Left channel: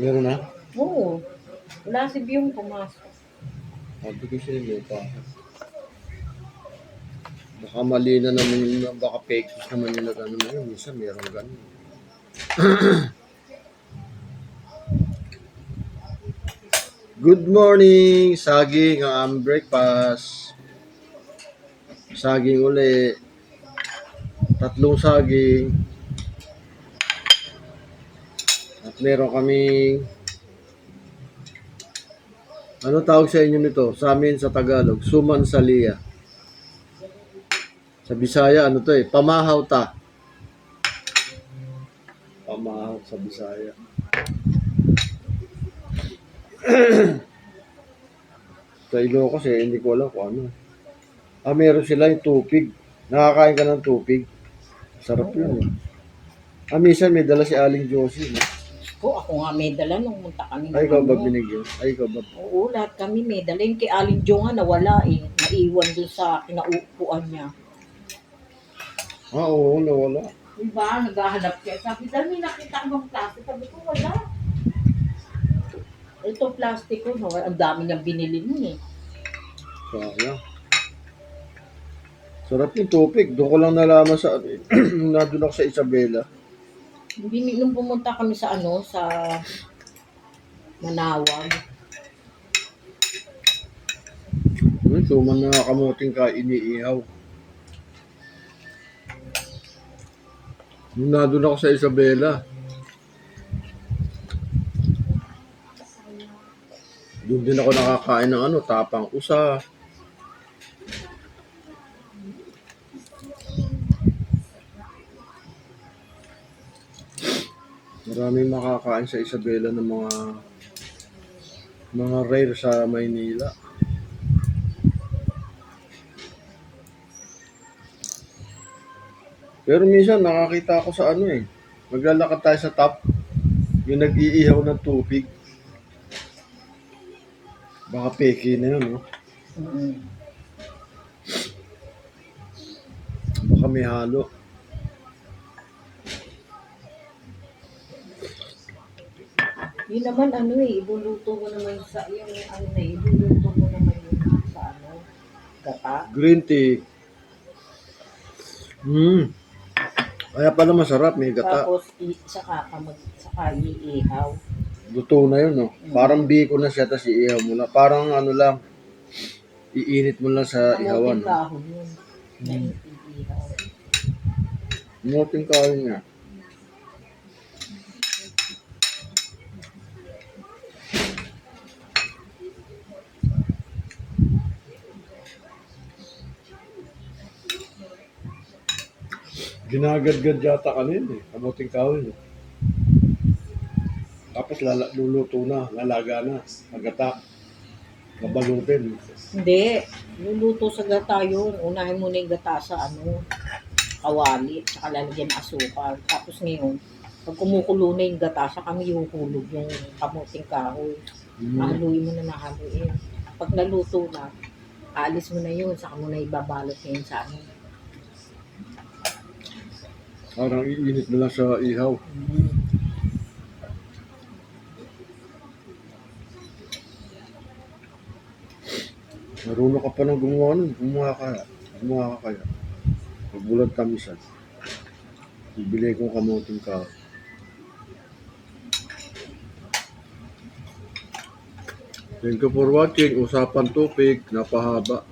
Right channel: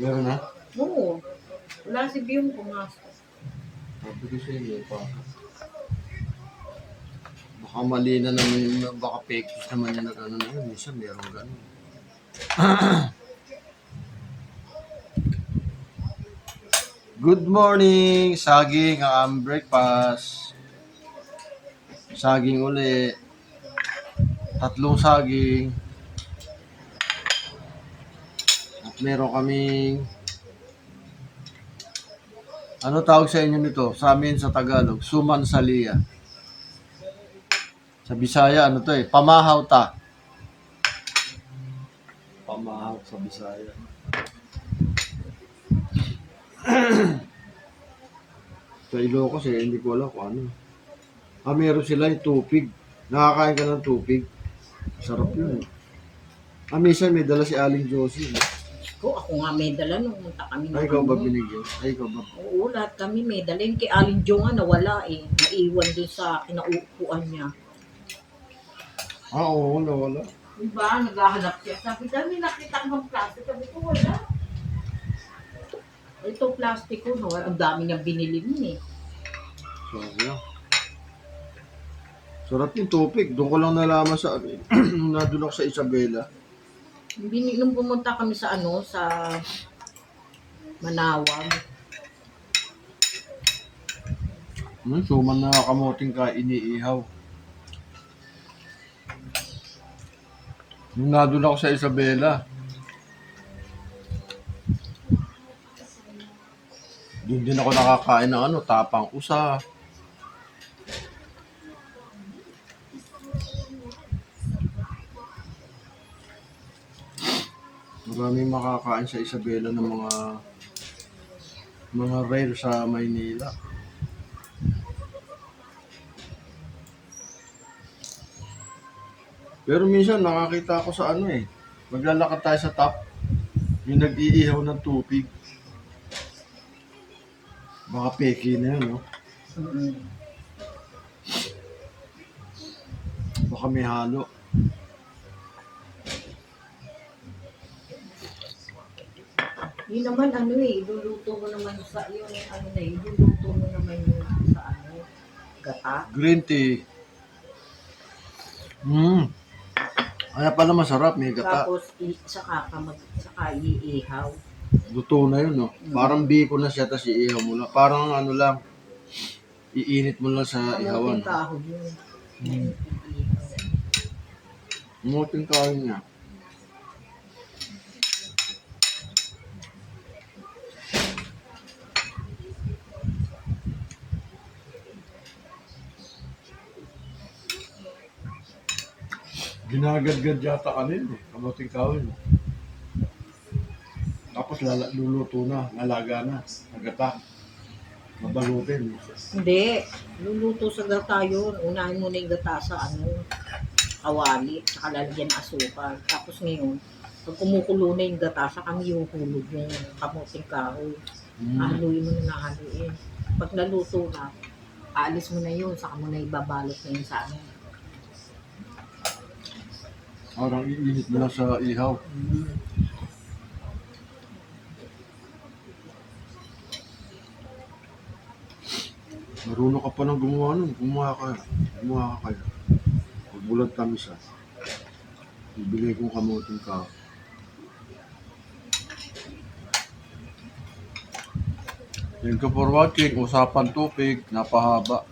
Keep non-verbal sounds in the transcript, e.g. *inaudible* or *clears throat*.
Meron na? Oo. Wala si Biyong pumasok. Sabi ko siya, may pa. Baka mali na naman, baka fake news naman yung nag-ano na yun. Minsan meron ganun. *clears throat* Good morning! Saging ang breakfast. Saging uli. Tatlong saging. Meron kaming ano tawag sa inyo nito? Sa amin sa Tagalog, suman salia. Sa Bisaya, ano to eh? Pamahaw ta. Pamahaw sa Bisaya. *clears throat* sa Ilocos eh, hindi ko alam kung ano. Ah, meron sila yung tupig. Nakakain ka ng tupig. Sarap yun eh. Ah, minsan may dala si Aling Josie. no? Po, ako nga may dala nung munta kami. Ay, ikaw ba binigyan? Ay, ikaw ba? Oo, lahat kami may dala. Yung kay Alin Jo nga nawala eh. Naiwan dun sa kinaupuan niya. Ah, oo, nawala. Diba? Naghahanap siya. Sabi, dami nakita ng plastic. Sabi ko, wala. Ito plastic ko, no? Ang dami niyang binili niya eh. Sayang. Sarap yung tupig. Doon ko lang nalaman sa, nung *clears throat* nandun ako sa Isabela. Bini, nung pumunta kami sa ano, sa Manawag. Ano, suman na kamuting ka iniihaw. Nung nandun ako sa Isabela. Doon din ako nakakain ng ano, tapang usa. Maraming makakain sa Isabela ng mga mga rare sa Maynila. Pero minsan nakakita ako sa ano eh. Maglalakad tayo sa top. Yung nag-iihaw ng tubig. Baka peke na yun, no? Baka may halo. Yun naman ano eh, iluluto mo naman sa, yung ano na, iluluto mo naman yun sa ano, gata. Green tea. Hmm. Kaya pala masarap, may gata. Tapos, i, saka ka mag, saka iihaw. Luto na yun, no? Parang biko na siya, tapos iihaw mo lang. Parang ano lang, iinit mo lang sa ihawan. Kamuting kahoy yun. Na iihaw. Muting kain niya. Ginagadgad yata kanina eh. Kamuting kahoy. eh. Tapos lala, luluto na, lalaga na, nagata. Nabalutin. Hindi, luluto sa gata yun. Unahin mo na yung gata sa ano, kawali, saka lalagyan ng asukal. Tapos ngayon, pag kumukulo na yung gata, saka mo ihuhulog yung kamuting kahoy. Mm. Haluin mo na nahaluin. Pag naluto na, aalis mo na yun, saka mo na ibabalot ngayon sa ano. Parang iinit mo lang sa ihaw. Marunong ka pa nang gumawa nun. Gumawa ka. Gumawa ka kaya. Pagbulag kami siya. Bibili kong kamuting ka. Thank you for watching. Usapan tupig. Napahaba.